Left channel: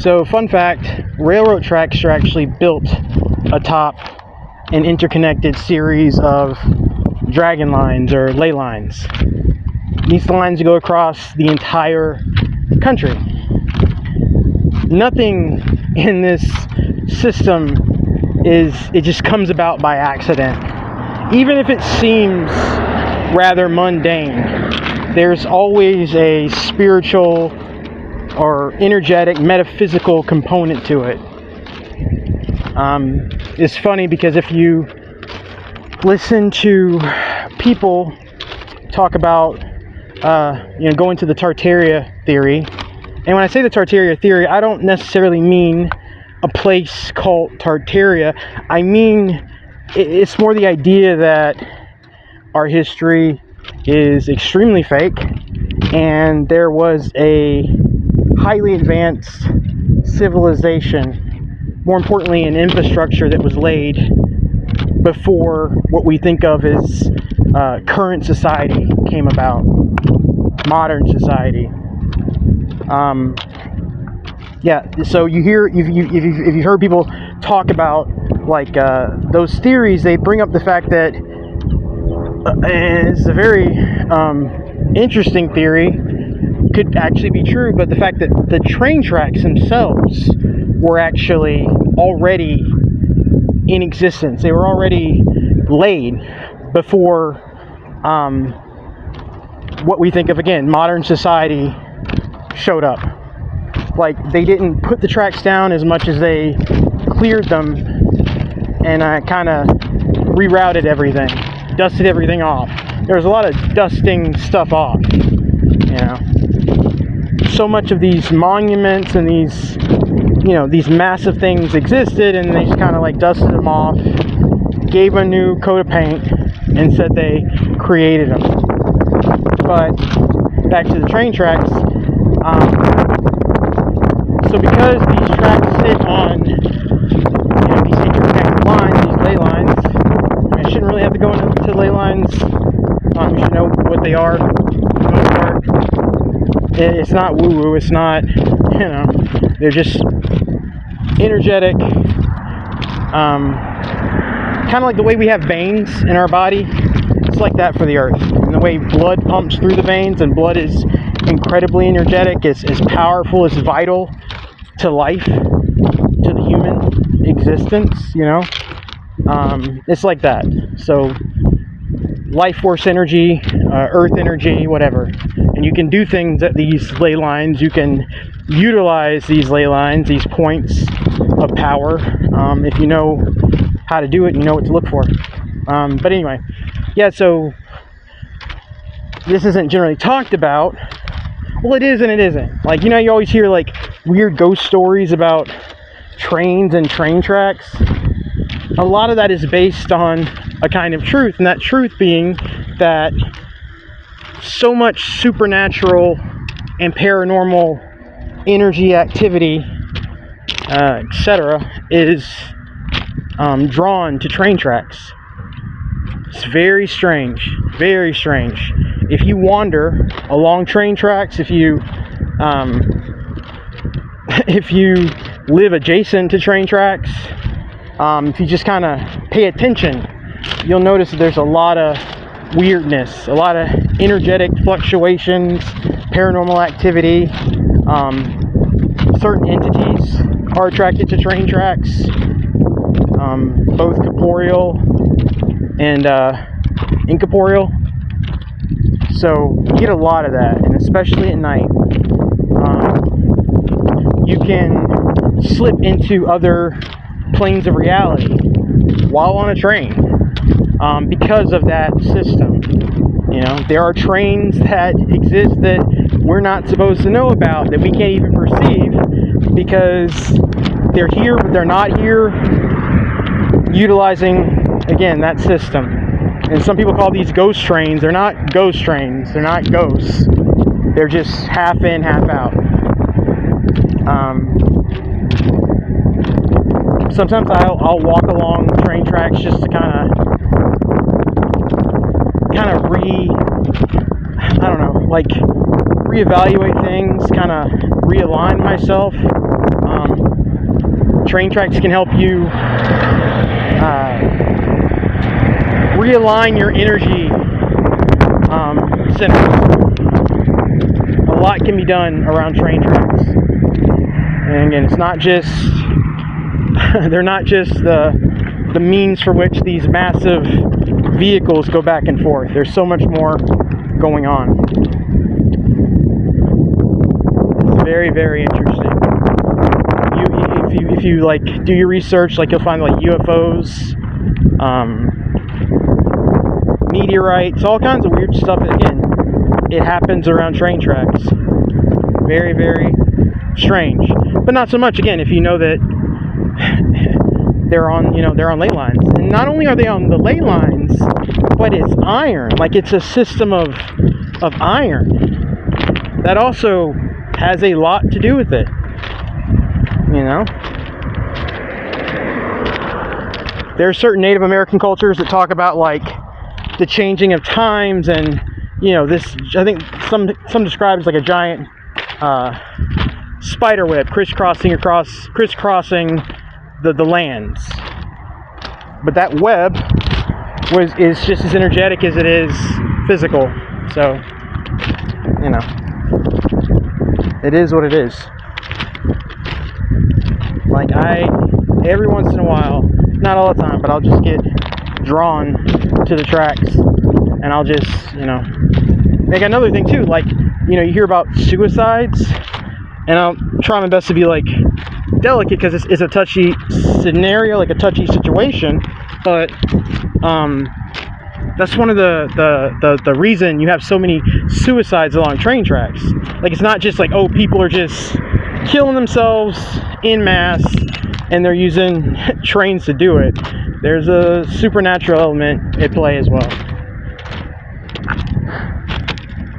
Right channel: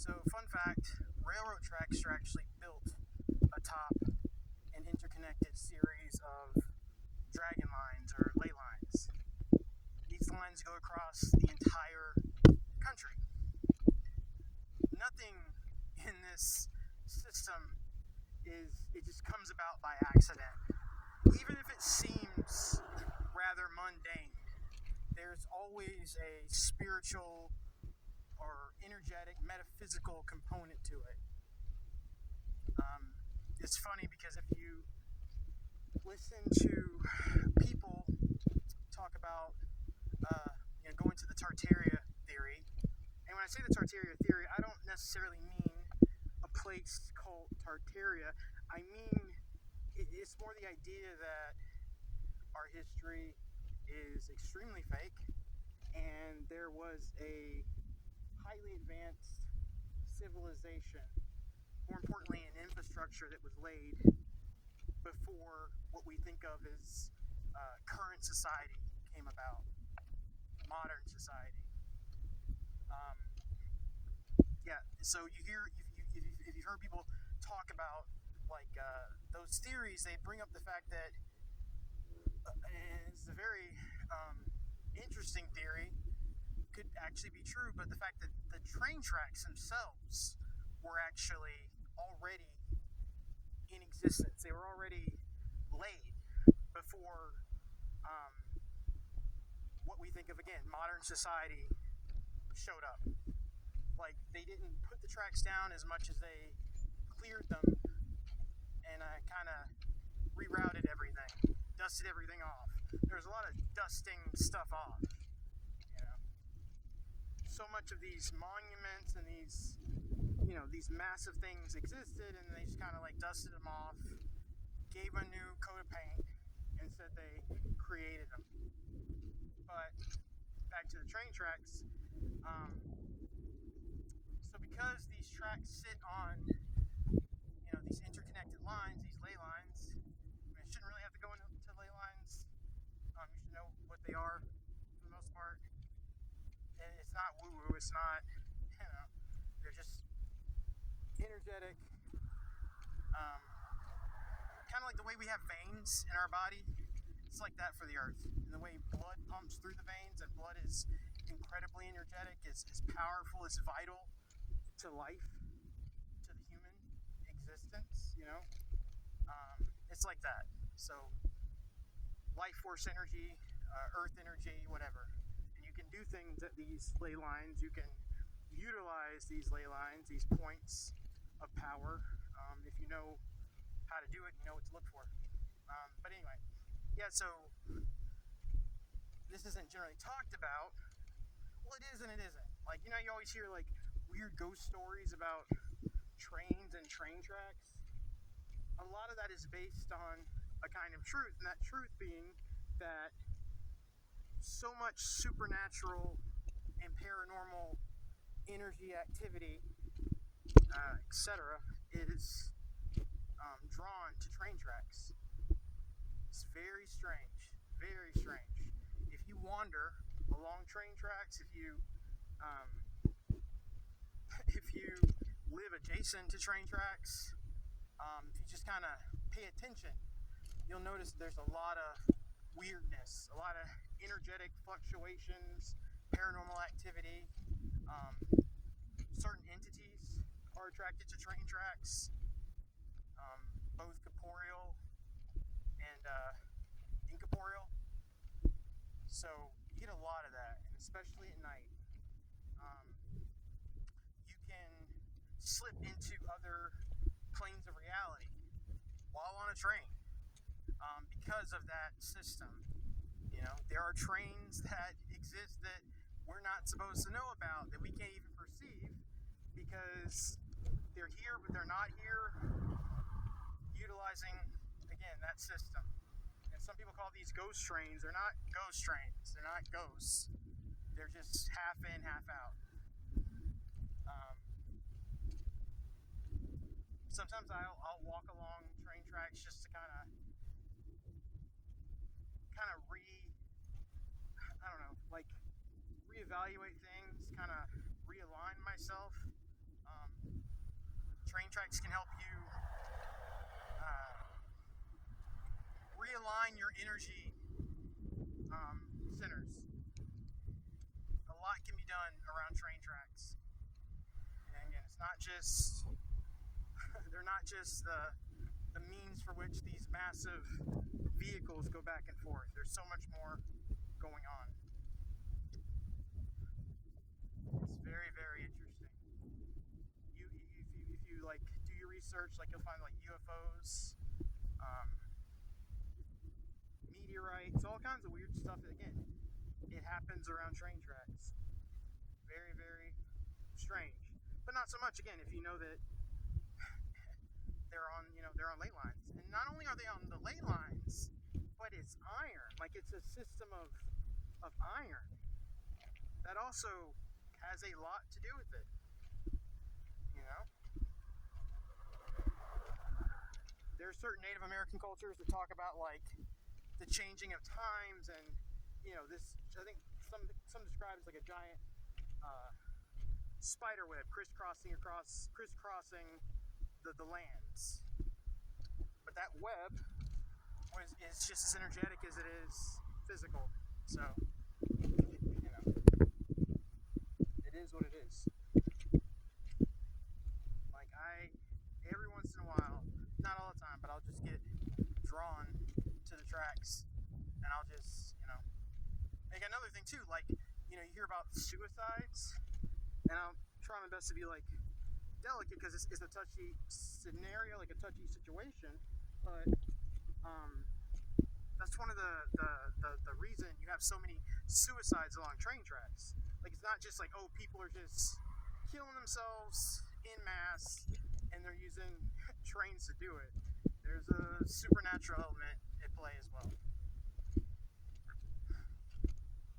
So, fun fact, railroad tracks are actually built atop an interconnected series of dragon lines or ley lines. These lines go across the entire country. Nothing in this system it just comes about by accident. Even if it seems rather mundane, there's always a spiritual or energetic, metaphysical component to it. It's funny because if you listen to people talk about, going to the Tartaria theory, and when I say the Tartaria theory, I don't necessarily mean a place called Tartaria. I mean, it's more the idea that our history is extremely fake, and there was a highly advanced civilization, more importantly an infrastructure that was laid before what we think of as current society came about, modern society. So if you've heard people talk about like those theories, they bring up the fact that and it's a very interesting theory, could actually be true, but the fact that the train tracks themselves were actually already in existence. They were already laid before what we think of, again, modern society showed up. Like, they didn't put the tracks down as much as they cleared them and kind of rerouted everything, dusted everything off. There was a lot of dusting stuff off, So much of these monuments and these massive things existed, and they just kind of like dusted them off, gave a new coat of paint, and said they created them. But back to the train tracks. So because these tracks sit on these interconnected lines, these ley lines, I shouldn't really have to go into ley lines. You should know what they are. It's not woo-woo. It's not, they're just energetic. Kind of like the way we have veins in our body. It's like that for the earth. And the way blood pumps through the veins, and blood is incredibly energetic, it's powerful, it's vital to life, to the human existence, it's like that. So life force energy, earth energy, whatever. And you can do things at these ley lines. You can utilize these ley lines, these points of power. If you know how to do it, you know what to look for. But anyway, so this isn't generally talked about. Well, it is and it isn't. Like, you always hear like weird ghost stories about trains and train tracks. A lot of that is based on a kind of truth, and that truth being that so much supernatural and paranormal energy activity, etc., is drawn to train tracks. It's very strange, very strange. If you wander along train tracks, if you live adjacent to train tracks, if you just kind of pay attention, you'll notice that there's a lot of weirdness, a lot of energetic fluctuations, paranormal activity. Certain entities are attracted to train tracks, both corporeal and incorporeal. So you get a lot of that, and especially at night. You can slip into other planes of reality while on a train because of that system. There are trains that exist that we're not supposed to know about, that we can't even perceive because they're here but they're not here, utilizing, again, that system. And some people call these ghost trains. They're not ghost trains. They're not ghosts. They're just half in, half out. Sometimes I'll walk along train tracks just to kind of reevaluate things, kind of realign myself. Train tracks can help you realign your energy centers. A lot can be done around train tracks. And again, it's not just, they're not just the means for which these massive vehicles go back and forth. There's so much more going on. It's very, very interesting. If you like do your research, like you'll find like UFOs, meteorites, all kinds of weird stuff. Again, it happens around train tracks. Very, very strange, but not so much. Again, if you know that they're on ley lines, and not only are they on the ley lines, but it's iron. Like, it's a system of iron. That also has a lot to do with it. You know, there are certain Native American cultures that talk about like the changing of times, and this, I think some describe it as like a giant spider web crisscrossing the lands. But that web is just as energetic as it is physical. So, it is what it is. Like, every once in a while, not all the time, but I'll just get drawn to the tracks, and I'll just, Like, another thing too, like, you hear about suicides, and I'll try my best to be like delicate, because it's a touchy scenario, like a touchy situation, but that's one of the reason you have so many suicides along train tracks. Like, it's not just like, oh, people are just killing themselves in mass and they're using trains to do it. There's a supernatural element at play as well.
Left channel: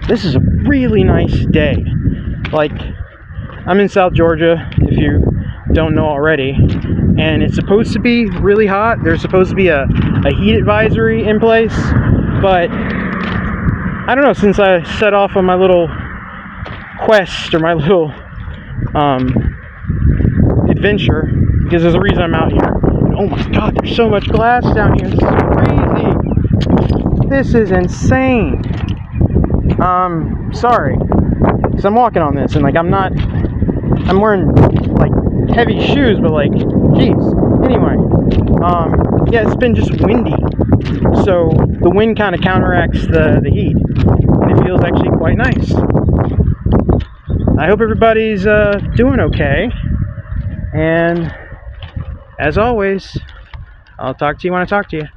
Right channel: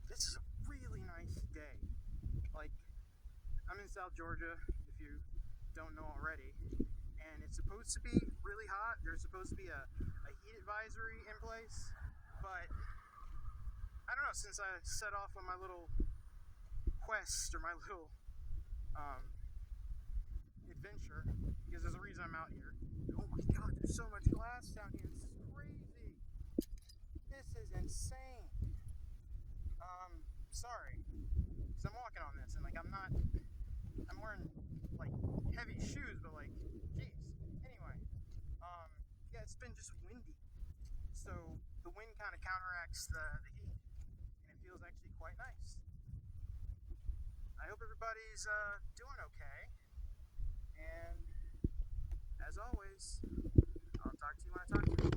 This is a really nice day. Like, I'm in South Georgia, if you don't know already, and it's supposed to be really hot. There's supposed to be a heat advisory in place, but I don't know, since I set off on my little quest, or my little adventure, because there's a reason I'm out here. Oh my god, there's so much glass down here. This is crazy. This is insane. Sorry, because I'm walking on this, and like, I'm wearing like heavy shoes, but like, geez. Anyway, yeah, it's been just windy, so the wind kind of counteracts the heat, and it feels actually quite nice. I hope everybody's doing okay, and as always, I'll talk to you when I talk to you.